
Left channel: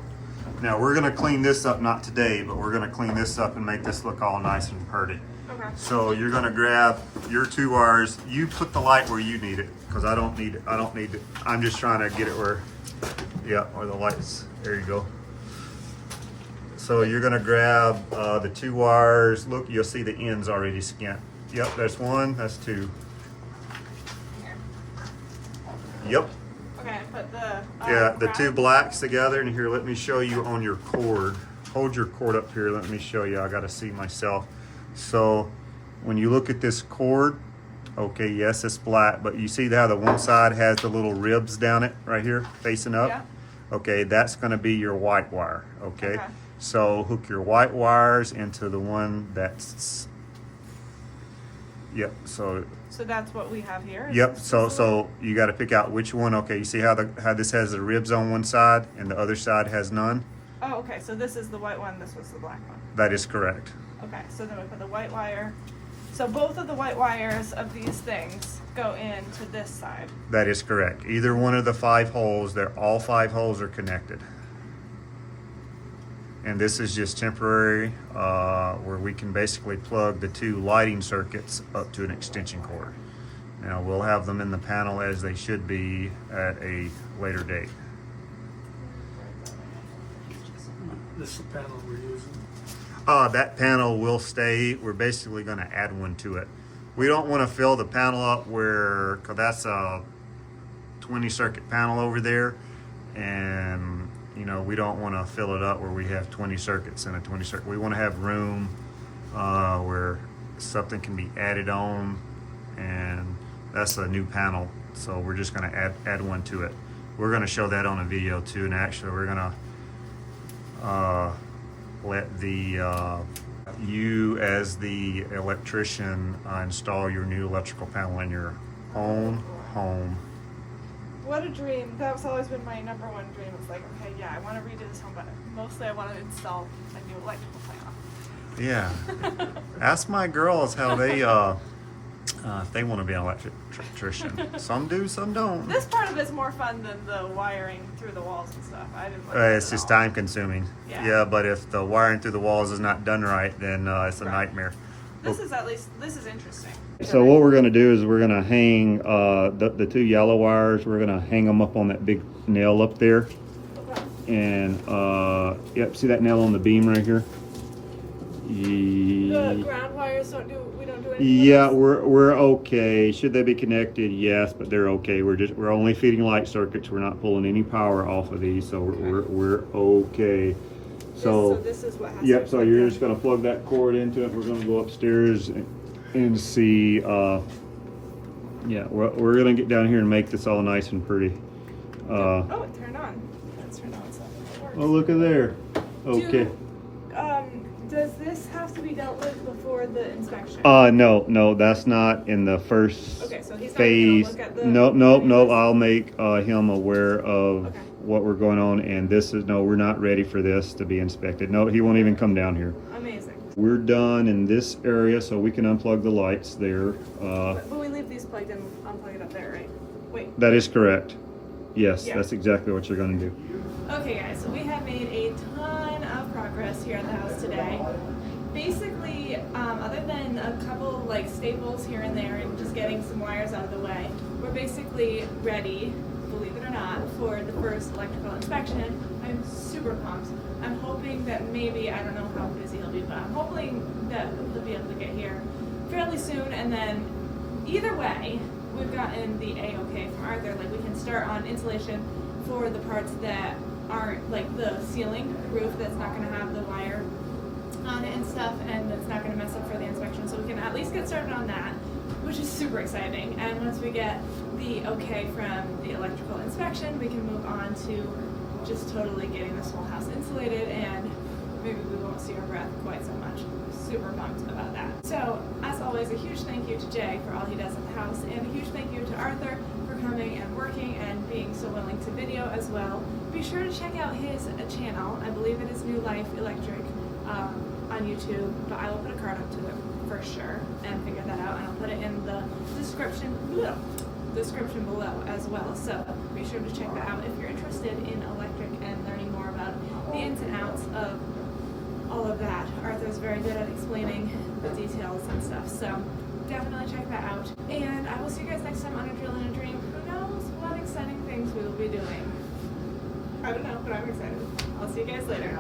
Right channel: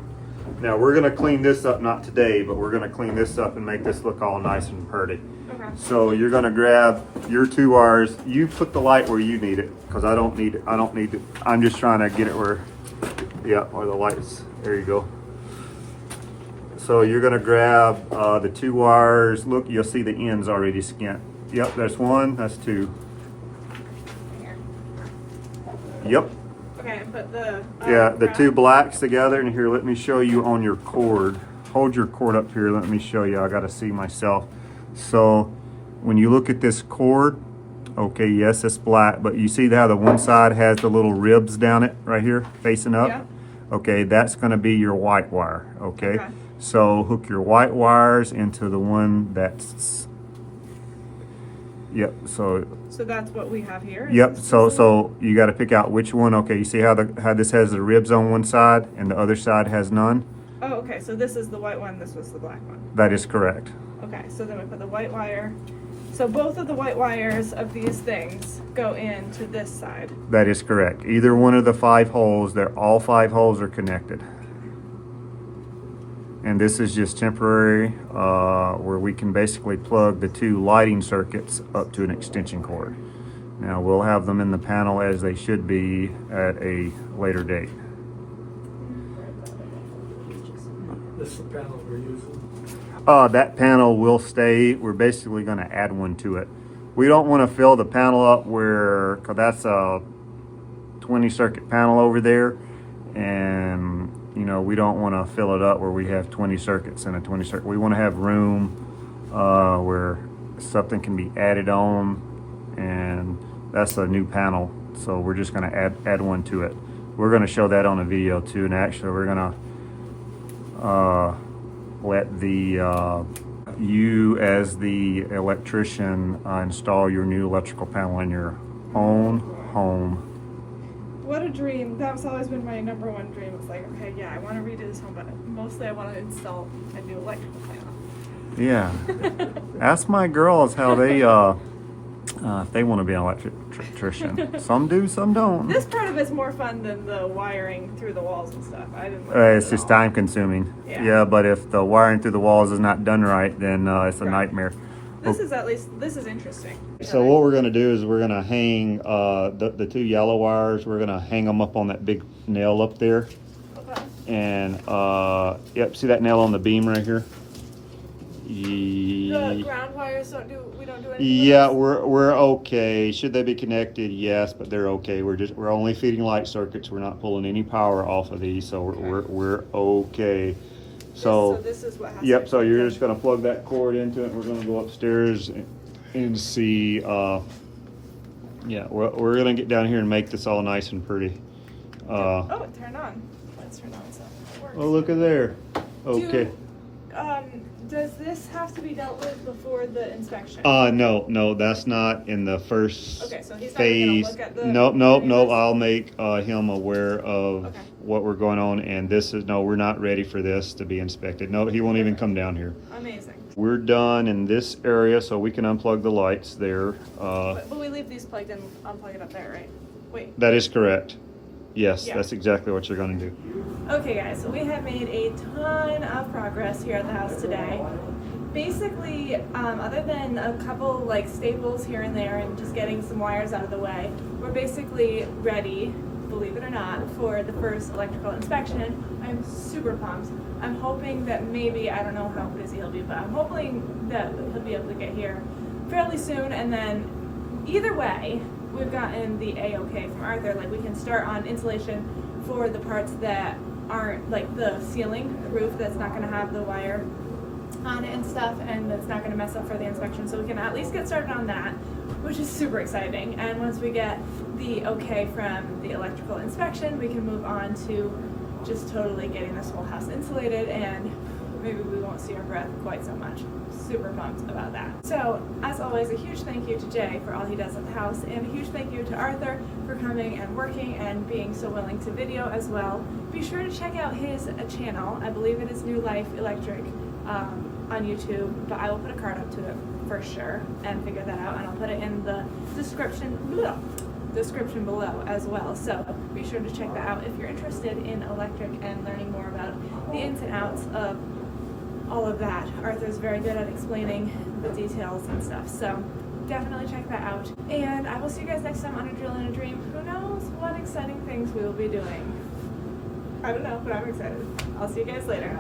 Now we're gonna clean this up, not today, but we're gonna clean this up and make this look all nice and pretty. Okay. So you're gonna grab your 2 wires. You put the light where you need it, because I don't need it. I don't need it. I'm just trying to get it where, yeah, where the light's. There you go. So you're gonna grab the 2 wires. Look, you'll see the ends already skint. Yep, that's 1, that's 2. Yep. Okay, and put the Yeah, the brown- 2 blacks together, and here, let me show you on your cord. Hold your cord up here, let me show you. I gotta see myself. So when you look at this cord, okay, yes, it's black, but you see how the one side has the little ribs down it right here facing up? Yeah. Okay, that's gonna be your white wire, okay? Okay. So hook your white wires into the one that's, yep, so So that's what we have here. yep, Is this so the one? you got to pick out which one. Okay, you see how this has the ribs on one side and the other side has none? Oh, okay. So this is the white one. This was the black one. That is correct. Okay. So then we put the white wire. So both of the white wires of these things go into this side. That is correct. Either one of the 5 holes, all 5 holes are connected. And this is just temporary, where we can basically plug the 2 lighting circuits up to an extension cord. Now we'll have them in the panel as they should be at a later date. This is the panel we're using. That panel will stay. We're basically going to add one to it. We don't want to fill the panel up because that's a 20 circuit panel over there, and you know, we don't want to fill it up where we have 20 circuits in a 20 circuit. We want to have room where something can be added on, and that's a new panel. So we're just going to add one to it. We're going to show that on a video too, and actually we're going to let you as the electrician install your new electrical panel in your own home. What a dream. That was always been my number one dream. It's like, okay, yeah, I want to redo this home, but mostly I want to install a new electrical panel. Yeah. Ask my girls how they if they want to be an electrician. Some do, some don't. This part of it's more fun than the wiring through the walls and stuff. I didn't like It's it just at all. time consuming. Yeah. But if the wiring through the walls is not done right, then it's a Right. nightmare. This is interesting. So what we're going to do is we're going to hang the 2 yellow wires. We're going to hang them up on that big nail up there. Okay. And yep, see that nail on the beam right here? The ground wires we don't do anything Yeah, with we're okay. Should they be connected? Yes, but they're okay. We're only feeding light circuits. We're not pulling any power off of these, so we're okay. So this is what has yep. to So be you're plugged just gonna plug that cord into it. We're gonna go upstairs and see. Yeah, we're gonna get down here and make this all nice and pretty. Oh, it turned on. Let's turn on something. It works. Oh, look at there. Okay. Does this have to be dealt with before the inspection? No, that's not in the first Okay, so he's not even gonna phase. look at the- Nope. I'll make him aware of Okay. what we're going on, and we're not ready for this to be inspected. No, he won't even come down here. Amazing. We're done in this area, so we can unplug the lights there. But we leave these plugged in, unplug it up there, right? Wait. That is correct. Yes, Yeah. that's exactly what you're going to do. Okay guys, so we have made a ton of progress here at the house today. Basically, other than a couple like staples here and there and just getting some wires out of the way, we're basically ready, believe it or not, for the first electrical inspection. I'm super pumped. I'm hoping that maybe, I don't know how busy he'll be, but I'm hoping that he'll be able to get here fairly soon, and then either way, we've gotten the A-OK from Arthur. Like, we can start on insulation for the parts that aren't, like the ceiling, the roof that's not gonna have the wire on it and stuff, and that's not gonna mess up for the inspection. So we can at least get started on that, which is super exciting. And once we get the okay from the electrical inspection, we can move on to just totally getting this whole house insulated, and maybe we won't see our breath quite so much. Super pumped about that. So, as always, a huge thank you to Jay for all he does at the house, and a huge thank you to Arthur for coming and working and being so willing to video as well. Be sure to check out his channel. I believe it is New Life Electric on YouTube, but I will put a card up to it for sure and figure that out, and I'll put it in the description below as well. So be sure to check that out if you're interested in electric and learning more about the ins and and outs of all of that. Arthur's very good at explaining the details and stuff, so definitely check that out. And I will see you guys next time on A Drill and a Dream. Who knows what exciting things we will be doing? I don't know, but I'm excited. I'll see you guys later.